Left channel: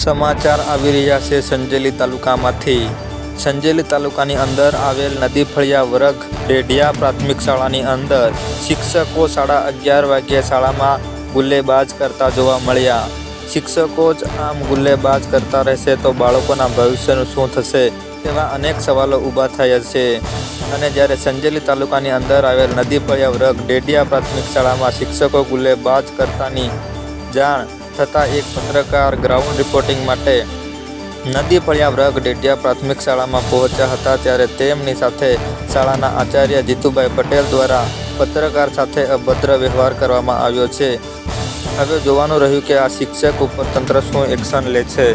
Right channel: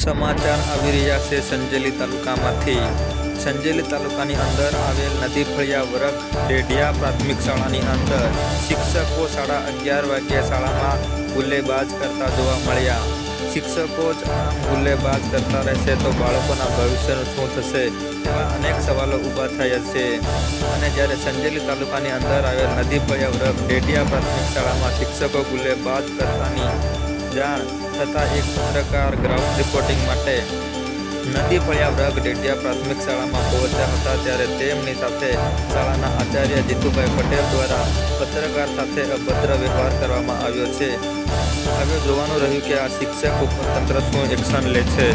સમાચાર આવી રહ્યા છે સંજેલી તાલુકામાંથી। સંજેલી તાલુકાની અંદર આવેલ નદી ફળિયા વર્ગ ડેઢિયા પ્રાથમિક શાળાની અંદર શિક્ષકો 11:30 વાગ્યે શાળામાં ગુલ્લેબાજ કરતા જોવા મળ્યા। શિક્ષકો જ આમ ગુલ્લેબાજ કરતા રહેશે તો બાળકોના ભવિષ્યનું શું થશે તેવા અનેક સવાલો ઊભા થયા છે। અને જ્યારે સંજેલી તાલુકાની અંદર આવેલ નદી ફળિયા વર્ગ ડેઢિયા પ્રાથમિક શાળામાં શિક્ષકો ગુલ્લેબાજ કરતાની જાણ થતાં એક પત્રકાર ગ્રાઉન્ડ રિપોર્ટિંગ માટે નદી ફળિયા વર્ગ ડેઢિયા પ્રાથમિક શાળામાં પહોંચ્યા હતા। ત્યારે તેમની સાથે શાળાના આચાર્ય જીતુભાઈ પટેલ દ્વારા પત્રકાર સાથે અભદ્ર વ્યવહાર કરવામાં આવ્યો છે। હવે જોવાનું રહ્યું કે આ શિક્ષક ઉપર તંત્ર શું એક્શન લે છે।